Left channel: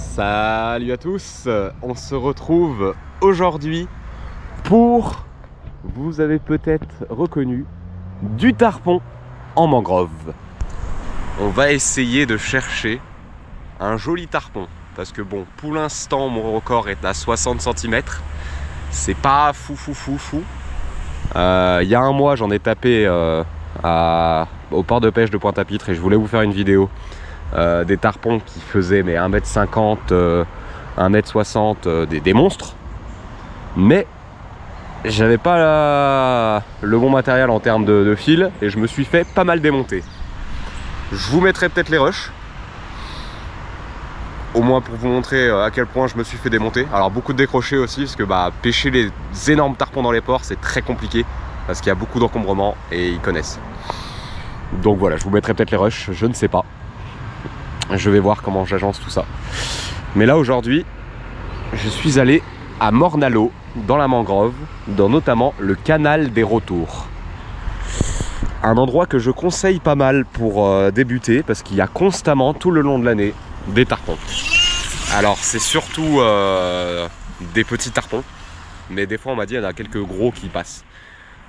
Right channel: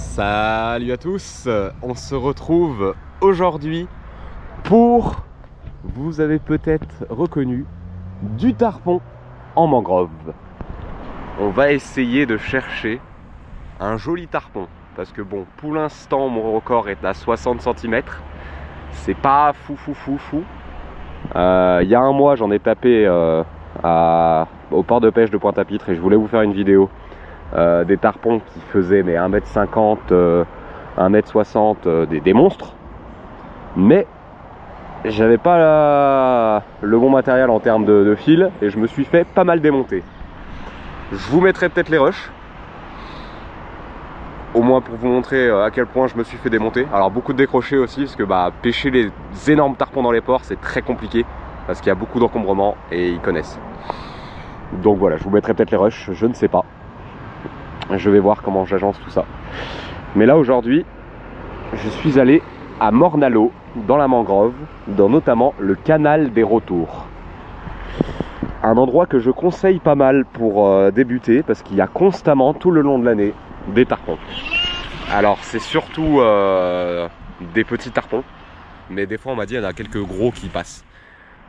Salut à tous, on se retrouve aujourd'hui pour, vous avez peut-être reconnu, du tarpon en mangrove. On va essayer de chercher un joli tarpon parce que bon, pour l'instant mon record est à 60 cm. C'est pas fou. Il y a un mois j'en ai tapé au port de pêche de Pointe-à-Pitre et je voulais vous faire une vidéo des tarpons qui faisaient mais 1m50, 1m60, des monstres. Mais j'avais pas le bon matériel en termes de fil et je me suis fait pas mal démonter. Je vous mettrai peut-être les rushs, au moins pour vous montrer à quel point je me suis fait démonter. Alors beaucoup de décrochés aussi, parce que pêcher les énormes tarpons dans les ports c'est très compliqué, parce qu'il y a beaucoup d'encombrements et ils connaissent. Donc voilà, je vous mettrai peut-être les rushs, je ne sais pas. Je vais voir comment j'agence tout ça. Mais là aujourd'hui, je suis allé à Morne-à-l'Eau, dans la mangrove, dans notamment le canal des retours. Un endroit que je conseille pas mal pour débuter, parce qu'il y a constamment, tout le long de l'année, des tarpons. Alors c'est surtout des petits tarpons, mais des fois on m'a dit qu'il y en a quelques gros qui passent.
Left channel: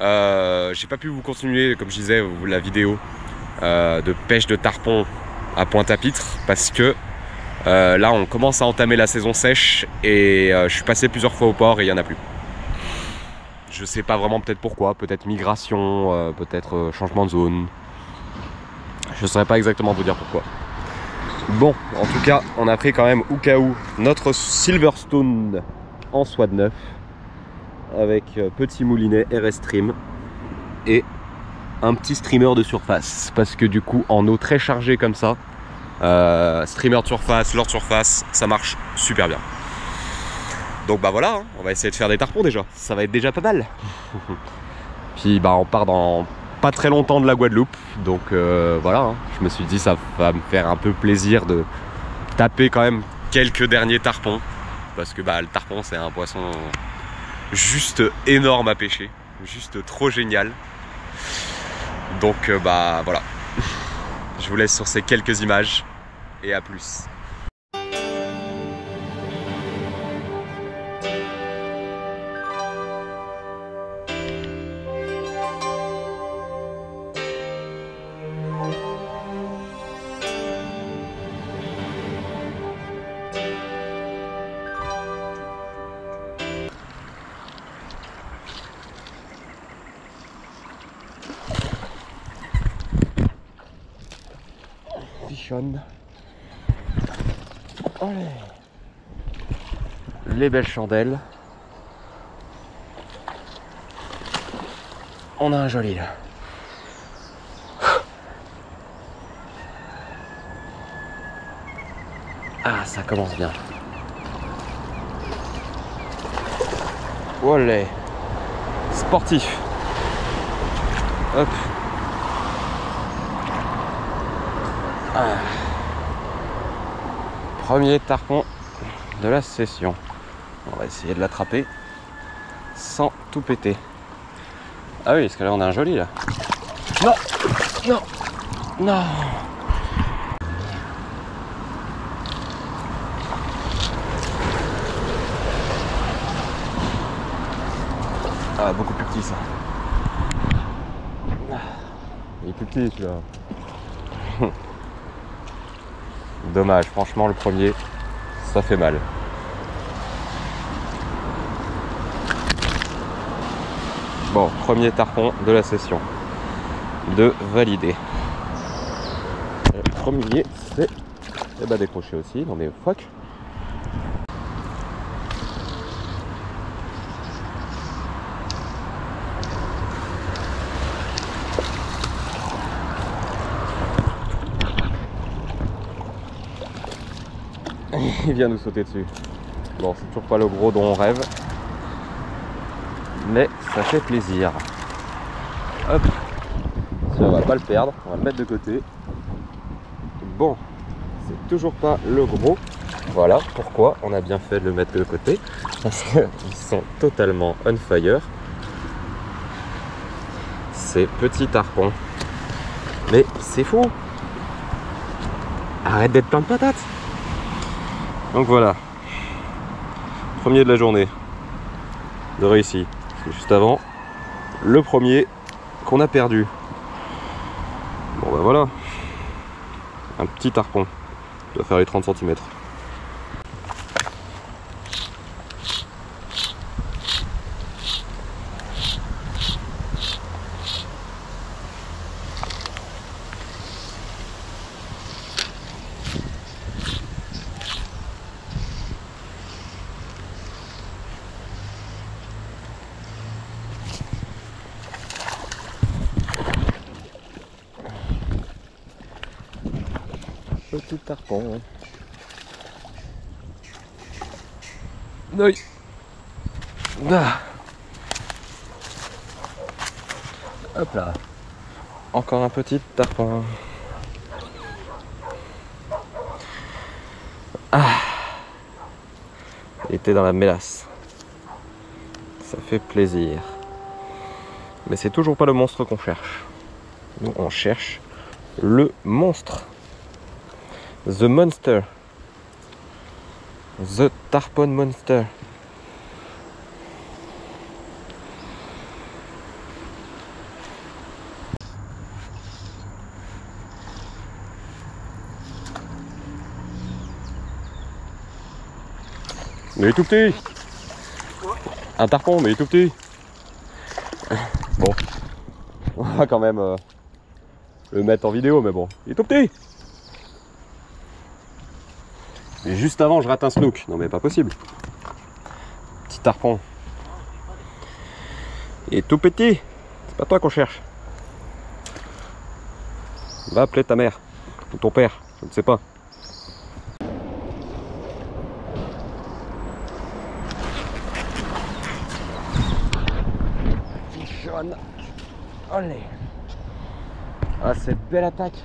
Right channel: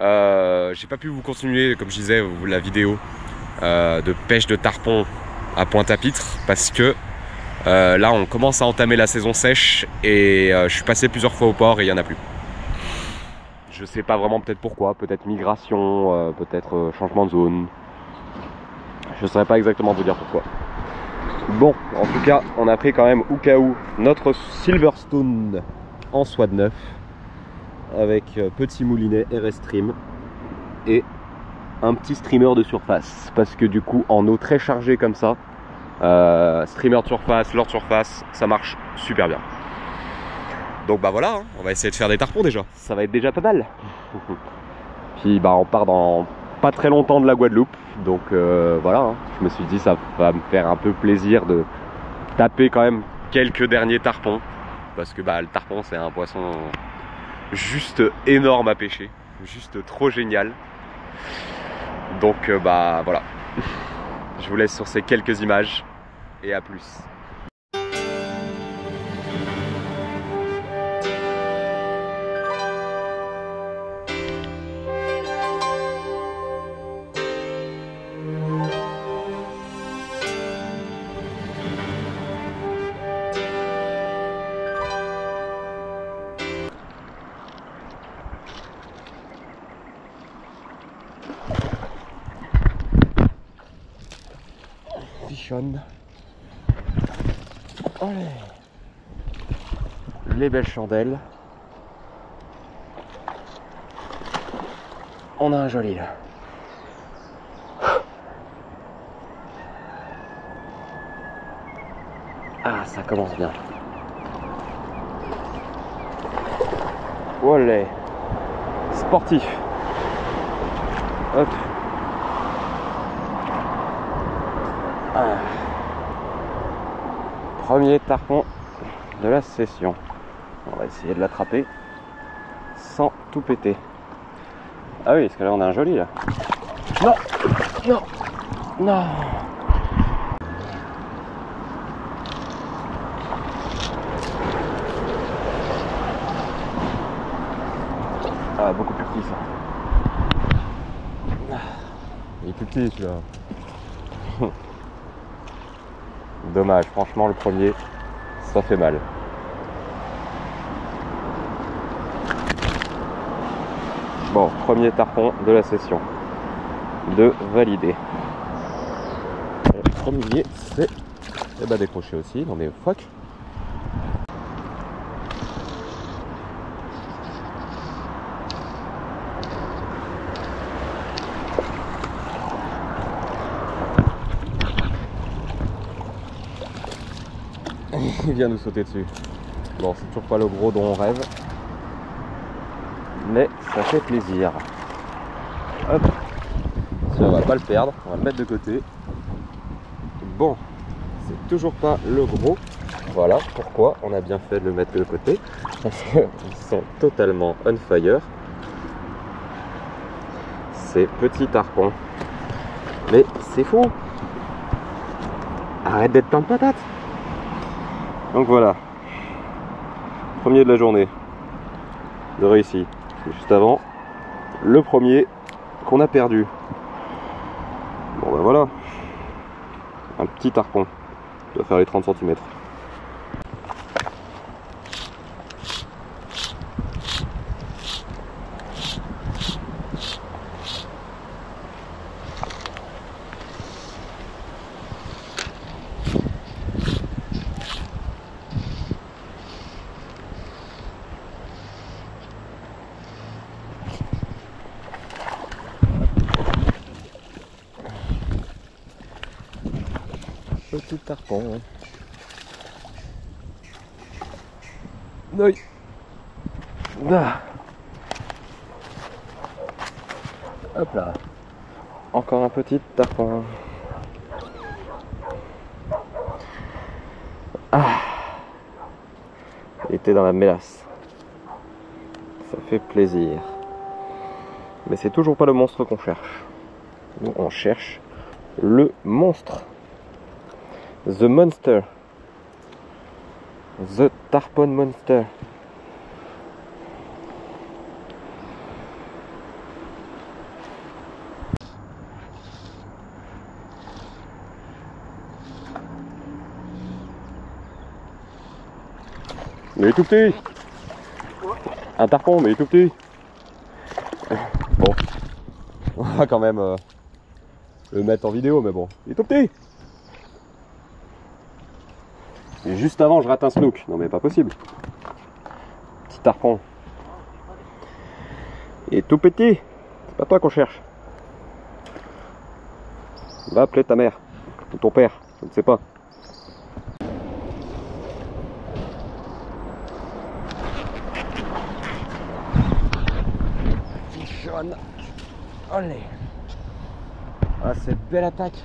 J'ai pas pu vous continuer, comme je disais, la vidéo de pêche de tarpons à Pointe-à-Pitre, parce que là on commence à entamer la saison sèche et je suis passé plusieurs fois au port et il n'y en a plus. Je sais pas vraiment peut-être pourquoi, peut-être migration, peut-être changement de zone. Je saurais pas exactement vous dire pourquoi. Bon, en tout cas, on a pris quand même au cas où notre Silverstone en soie de neuf avec petit moulinet RS Stream et un petit streamer de surface, parce que du coup en eau très chargée comme ça, streamer de surface, leurre de surface, ça marche super bien. Donc voilà, on va essayer de faire des tarpons déjà, ça va être déjà pas mal. Puis on part dans pas très longtemps de la Guadeloupe, donc voilà, je me suis dit ça va me faire un peu plaisir de taper quand même quelques derniers tarpons, parce que le tarpon c'est un poisson juste énorme à pêcher, juste trop génial. Donc voilà, je vous laisse sur ces quelques images et à plus. Allez. Les belles chandelles. On a un joli là. Ah, ça commence bien. Olé. Sportif. Hop. Ah. Premier tarpon de la session. On va essayer de l'attraper sans tout péter. Ah oui, parce que là on a un joli là. Non. Ah, beaucoup plus petit ça. Il est plus petit celui-là. Dommage, franchement le premier, ça fait mal. Bon, premier tarpon de la session. De valider. Le premier, c'est décroché aussi dans des phoques. Il vient nous sauter dessus. Bon, c'est toujours pas le gros dont on rêve, mais ça fait plaisir. Hop, si on va pas le perdre, on va le mettre de côté. Bon, c'est toujours pas le gros. Voilà pourquoi on a bien fait de le mettre de côté, parce qu'ils sont totalement on fire. Ces petits tarpons. Mais c'est fou. Arrête d'être plein de patates. Donc voilà, premier de la journée de réussi. C'est juste avant le premier qu'on a perdu. Bon ben voilà, un petit tarpon, il doit faire les 30 cm. Petit tarpon. Oui. Ah. Hop là. Encore un petit tarpon. Ah. Il était dans la mélasse. Ça fait plaisir. Mais c'est toujours pas le monstre qu'on cherche. Nous on cherche le monstre. The Monster. The Tarpon Monster. Mais il est tout petit. Un tarpon, mais il est tout petit. Bon. On va quand même le mettre en vidéo, mais bon. Il est tout petit. Et juste avant, je rate un snook. Non mais pas possible. Petit tarpon. Il est tout petit. C'est pas toi qu'on cherche. Va appeler ta mère. Ou ton père. Je ne sais pas. Jaune. Allez. Ah, cette belle attaque.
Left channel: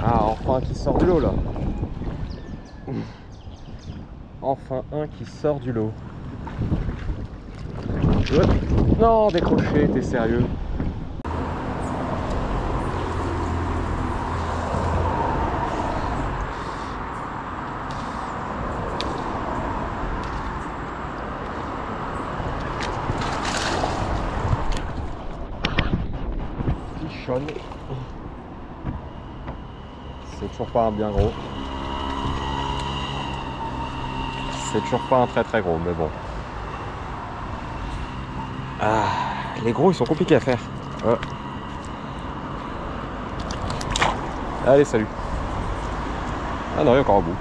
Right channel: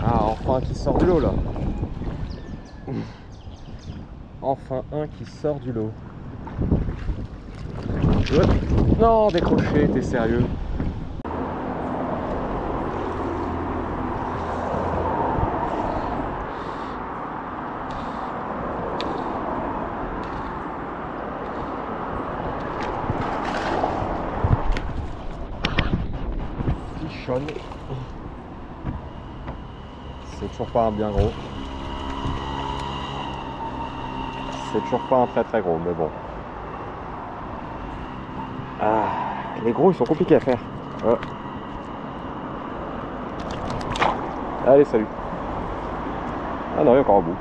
Ah, enfin un qui sort du lot là. Enfin un qui sort du lot. Non, décroché, t'es sérieux? Fichonne. C'est toujours pas un bien gros. C'est toujours pas un très très gros, mais bon. Ah, les gros ils sont compliqués à faire. Ouais. Allez, salut. Ah non, il est encore au bout.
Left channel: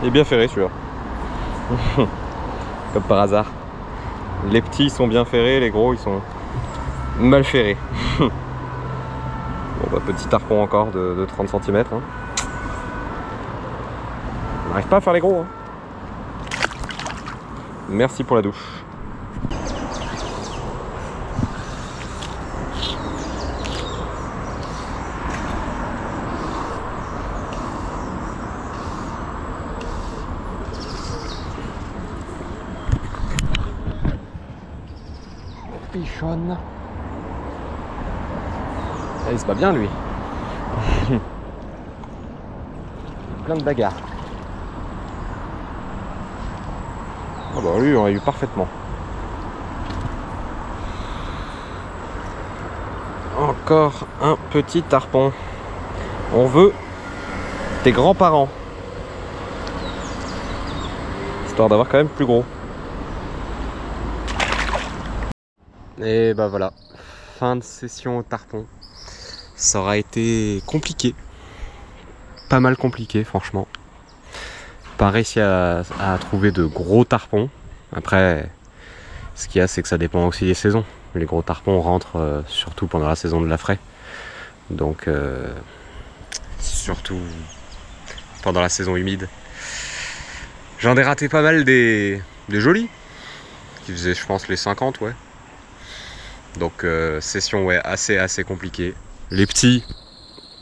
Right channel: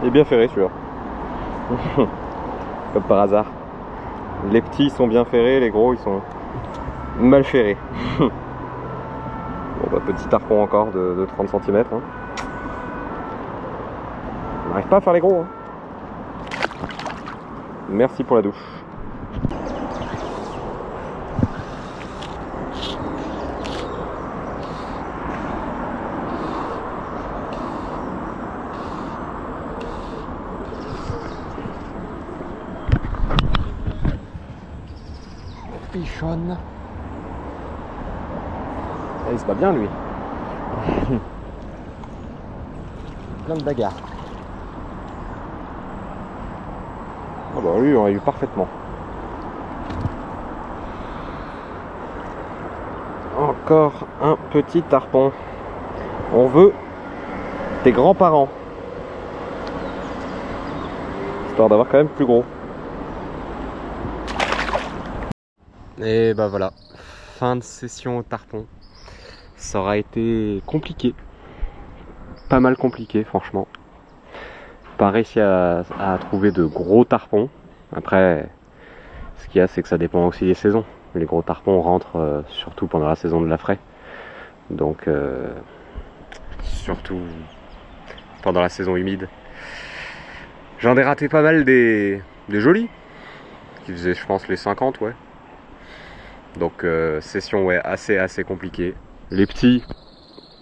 Il est bien ferré celui-là. Comme par hasard. Les petits sont bien ferrés, les gros ils sont mal ferrés. Bon bah, petit tarpon encore de 30 cm. Hein. On n'arrive pas à faire les gros. Hein. Merci pour la douche. Pichonne. Il se bat bien lui. Plein de bagarres. Ah bah lui on a eu parfaitement. Encore un petit tarpon. On veut tes grands-parents. Histoire d'avoir quand même plus gros. Et bah voilà, fin de session au tarpon. Ça aura été compliqué. Pas mal compliqué franchement. Pas réussi à trouver de gros tarpons. Après, ce qu'il y a c'est que ça dépend aussi des saisons. Les gros tarpons rentrent surtout pendant la saison de la fraie. Donc surtout pendant la saison humide. J'en ai raté pas mal des jolis. Qui faisaient je pense les 50 ouais. Donc session ouais assez compliquée. Les petits,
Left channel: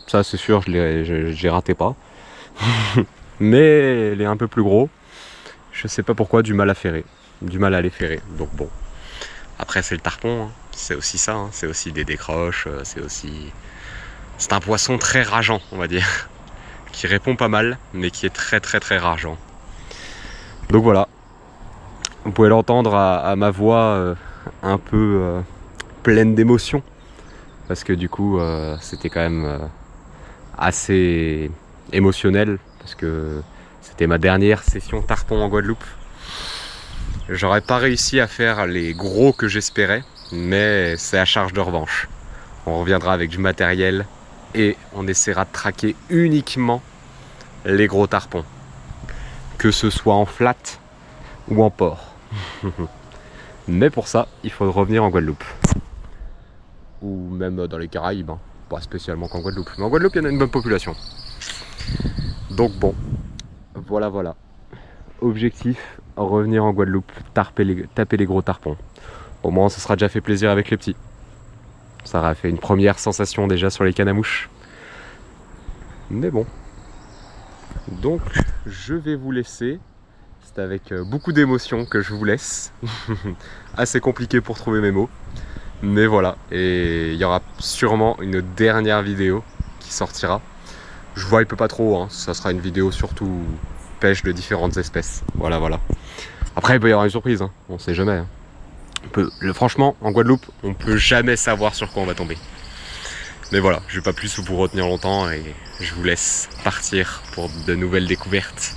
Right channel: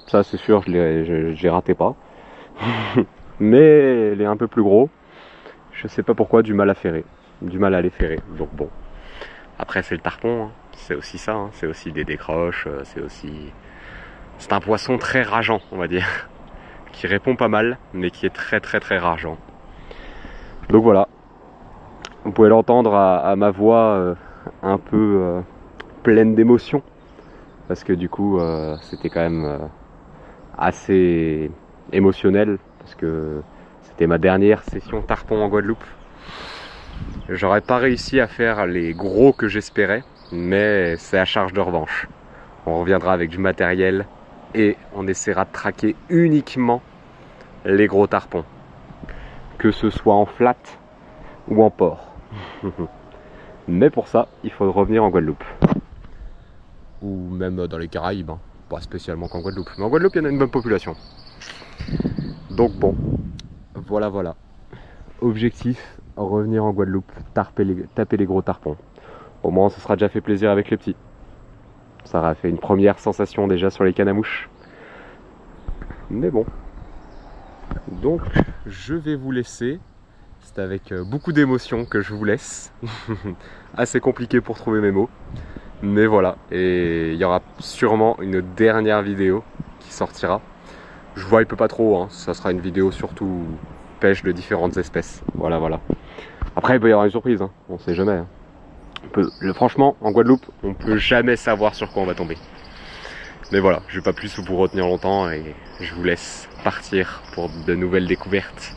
ça c'est sûr je les ratais pas. Mais les un peu plus gros, je sais pas pourquoi, du mal à ferrer. Du mal à les ferrer. Donc bon. Après c'est le tarpon, hein. C'est aussi ça, hein. C'est aussi des décroches, c'est aussi C'est un poisson très rageant, on va dire, qui répond pas mal, mais qui est très rageant. Donc voilà, vous pouvez l'entendre à ma voix un peu pleine d'émotion, parce que du coup c'était quand même assez émotionnel, parce que c'était ma dernière session tarpon en Guadeloupe. J'aurais pas réussi à faire les gros que j'espérais, mais c'est à charge de revanche. On reviendra avec du matériel et on essaiera de traquer uniquement les gros tarpons, que ce soit en flat ou en port. Mais pour ça, il faut revenir en Guadeloupe. Ou même dans les Caraïbes, hein. Pas spécialement qu'en Guadeloupe. Mais en Guadeloupe, il y en a une bonne population. Donc bon, voilà. Objectif, revenir en Guadeloupe, taper les gros tarpons. Au moins, ça sera déjà fait plaisir avec les petits. Ça aura fait une première sensation déjà sur les cannes à mouches. Mais bon. Donc, je vais vous laisser. C'est avec beaucoup d'émotion que je vous laisse. Assez compliqué pour trouver mes mots. Mais voilà. Et il y aura sûrement une dernière vidéo qui sortira. Je vois, il peut pas trop. Hein. Ça sera une vidéo surtout pêche de différentes espèces. Voilà. Après, il peut y avoir une surprise. Hein. On sait jamais. Hein. Franchement, en Guadeloupe, on peut jamais savoir sur quoi on va tomber. Mais voilà, je vais pas plus vous retenir longtemps et je vous laisse partir pour de nouvelles découvertes.